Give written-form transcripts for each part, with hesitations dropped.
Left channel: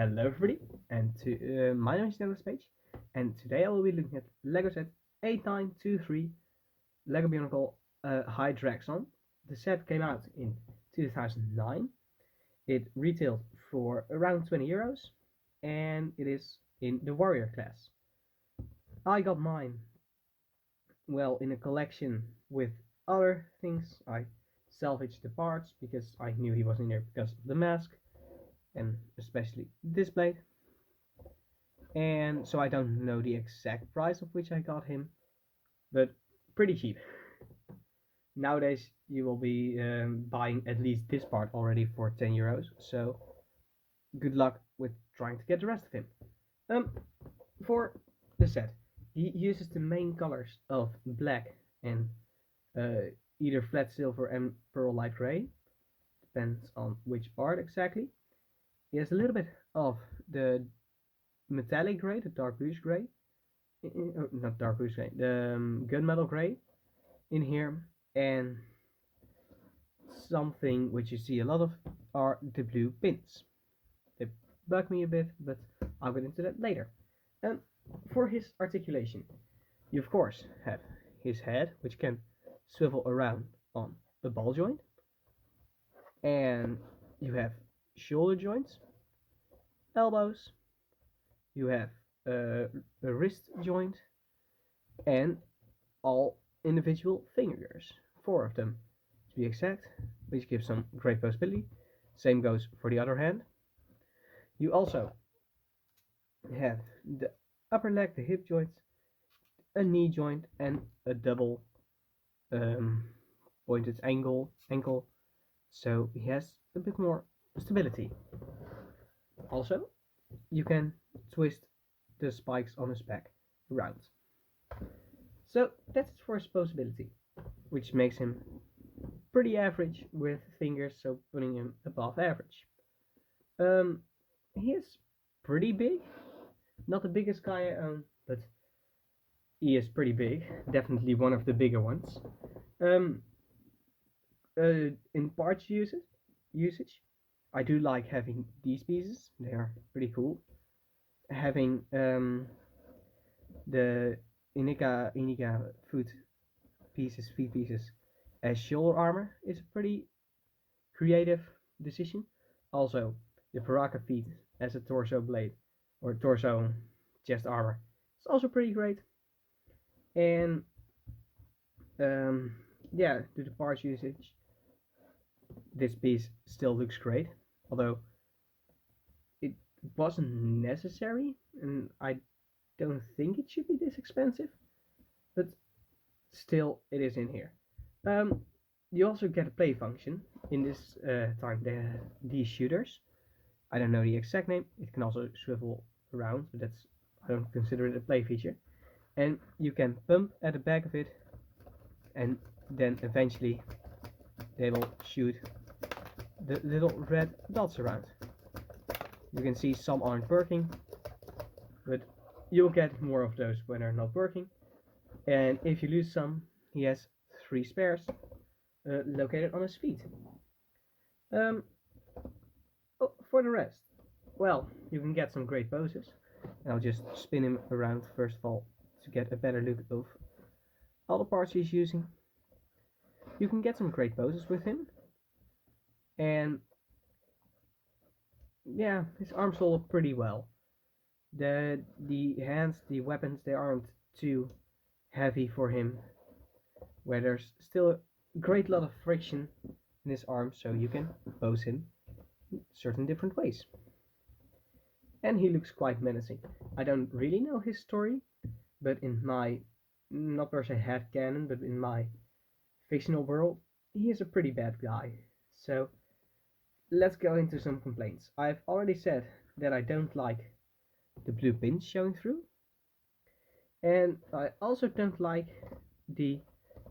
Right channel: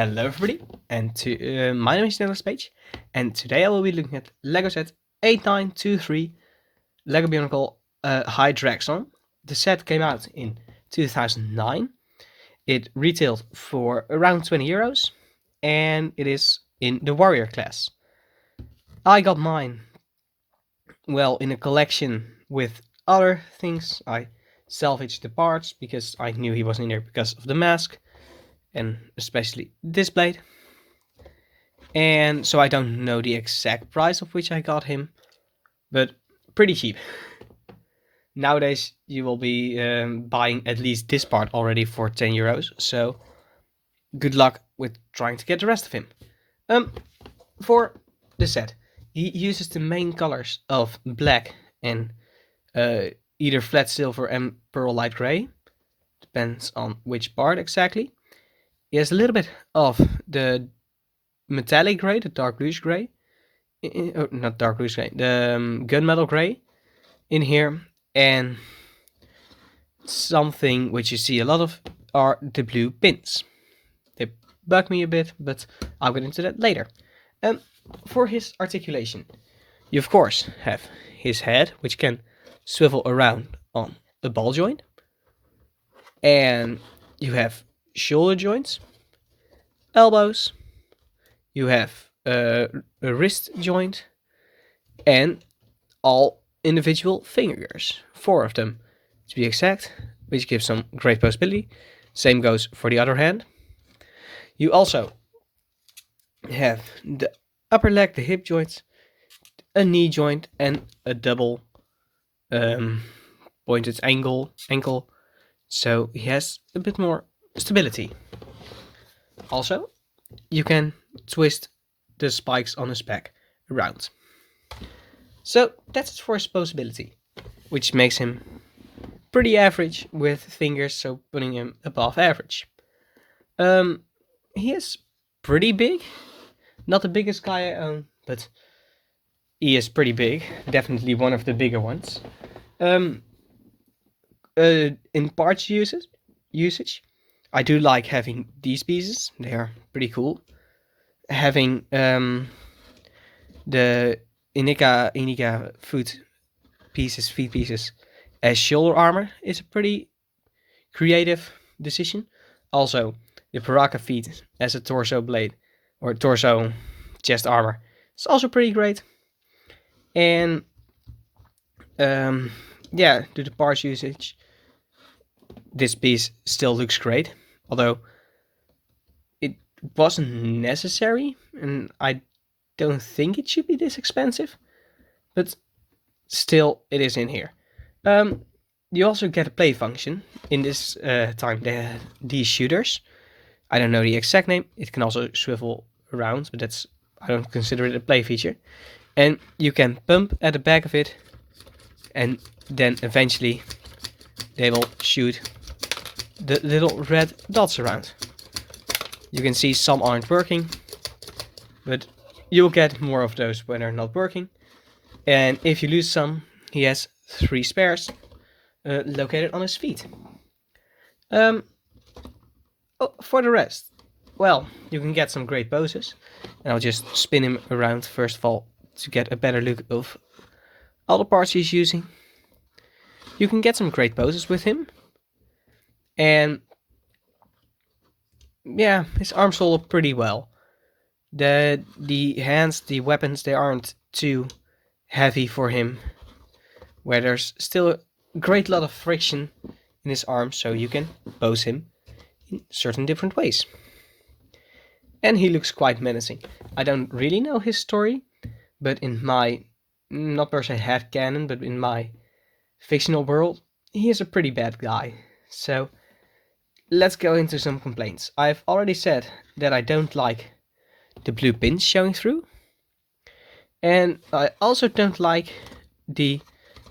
Hello everybody, and my name is Nicholas Page, and today I will be looking at LEGO set 8923 LEGO Bionicle Hydraxon. The set came out in 2009. It retailed for around €20, and it is in the Warrior class. I got mine, well, in a collection with other things. I salvaged the parts because I knew he was in there because of the mask, and especially this blade. And so I don't know the exact price of which I got him, but pretty cheap. Nowadays you will be buying at least this part already for €10, so good luck with trying to get the rest of him. For the set, he uses the main colors of black and either flat silver and pearl light gray, depends on which part exactly. He has a little bit of the metallic gray, the dark bluish gray, not dark bluish gray, the gunmetal gray in here, and something which you see a lot of are the blue pins. They bug me a bit, but I'll get into that later. For his articulation, you of course have his head, which can swivel around on a ball joint, and you have shoulder joints, elbows, you have a wrist joint, and all individual fingers, 4 of them to be exact, which gives some great possibility. Same goes for the other hand. You also have the upper leg, the hip joints, a knee joint, and a double pointed ankle. So he has a bit more stability. Also, you can twist the spikes on his back around. So that's it for his posability, which makes him pretty average with fingers, so putting him above average. He is pretty big, not the biggest guy I own, but he is pretty big, definitely one of the bigger ones. In parts usage, I do like having these pieces. They are pretty cool. Having the Inika feet pieces as shoulder armor is a pretty creative decision. Also, the Paraka feet as a torso blade or torso chest armor is also pretty great. And yeah, due to parts usage, this piece still looks great, although it wasn't necessary, and I don't think it should be this expensive, but still it is in here. You also get a play function in this time. These shooters, I don't know the exact name. It can also swivel around, but I don't consider it a play feature. And you can pump at the back of it, and then eventually they will shoot the little red dots around. You can see some aren't working, but you'll get more of those when they're not working. And if you lose some, he has 3 spares located on his feet. For the rest, well, you can get some great poses, and I'll just spin him around first of all to get a better look of all the parts he's using. You can get some great poses with him, and yeah, his arms hold up pretty well. The hands, the weapons, they aren't too heavy for him, where there's still a great lot of friction in his arms, so you can pose him in certain different ways. And he looks quite menacing. I don't really know his story, but in my, not per se headcanon, but in my fictional world, he is a pretty bad guy. So let's go into some complaints. I've already said that I don't like the blue pins showing through, and I also don't like the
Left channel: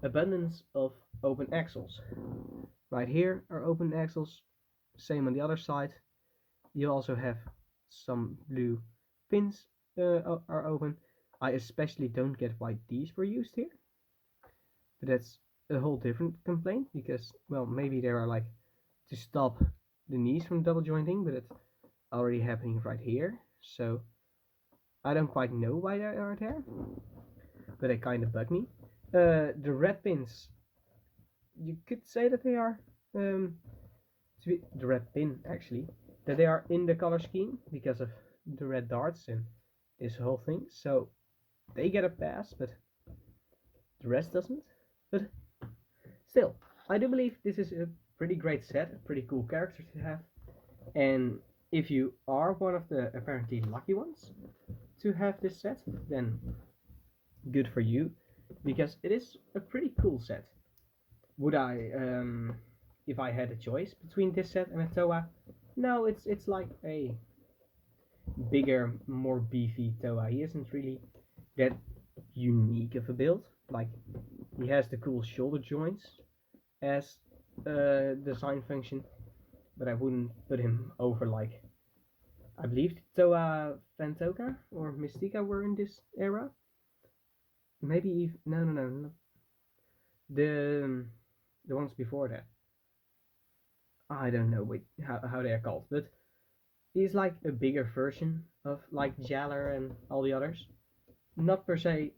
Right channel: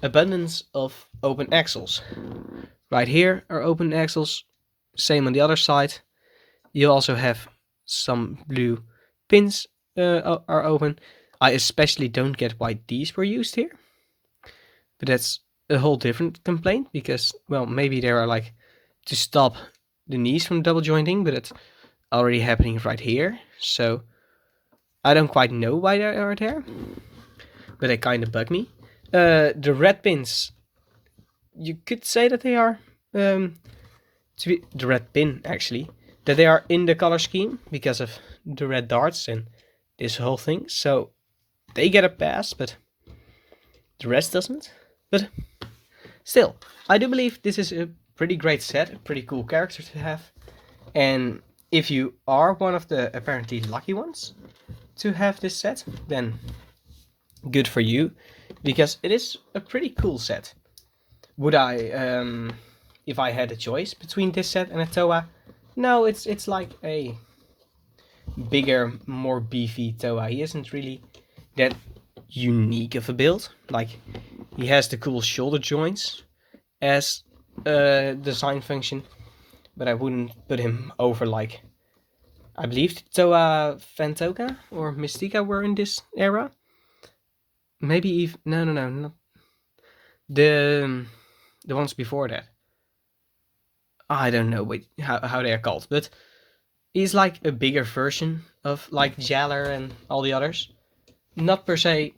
abundance of open axles. Right here are open axles, same on the other side. You also have some blue pins are open. I especially don't get why these were used here, but that's a whole different complaint, because, well, maybe they are like to stop the knees from double jointing, but already happening right here. So I don't quite know why they are there, but they kind of bug me. The red pins, you could say that they are to be the red pin actually, that they are in the color scheme because of the red darts and this whole thing. So they get a pass, but the rest doesn't. But still, I do believe this is a pretty great set, a pretty cool character to have. And if you are one of the apparently lucky ones to have this set, then good for you, because it is a pretty cool set. Would I, if I had a choice between this set and a Toa? No, it's like a bigger, more beefy Toa. He isn't really that unique of a build. Like, he has the cool shoulder joints as a design function, but I wouldn't put him over like, I believe Toa Fantoka or Mystica were in this era. Maybe even, no, not the ones before that. I don't know how they are called, but he's like a bigger version of like Jaller and all the others. Not per se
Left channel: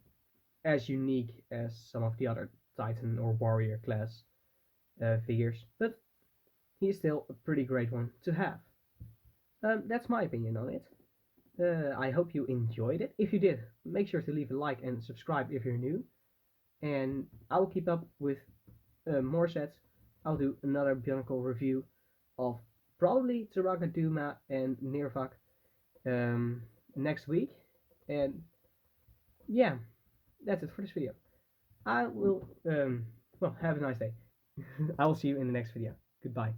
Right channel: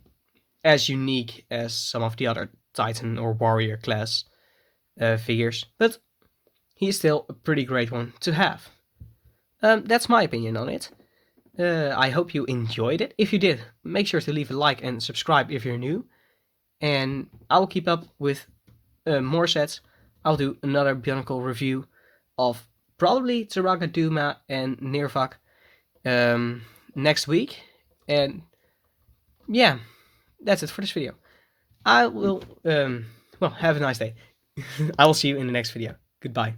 as unique as some of the other Titan or Warrior class figures, but he's still a pretty great one to have. That's my opinion on it. I hope you enjoyed it. If you did, make sure to leave a like and subscribe if you're new. And I'll keep up with more sets. I'll do another Bionicle review of probably Taraga Duma and Nirvak next week. And yeah, that's it for this video. I will, well, have a nice day. I will see you in the next video. Goodbye.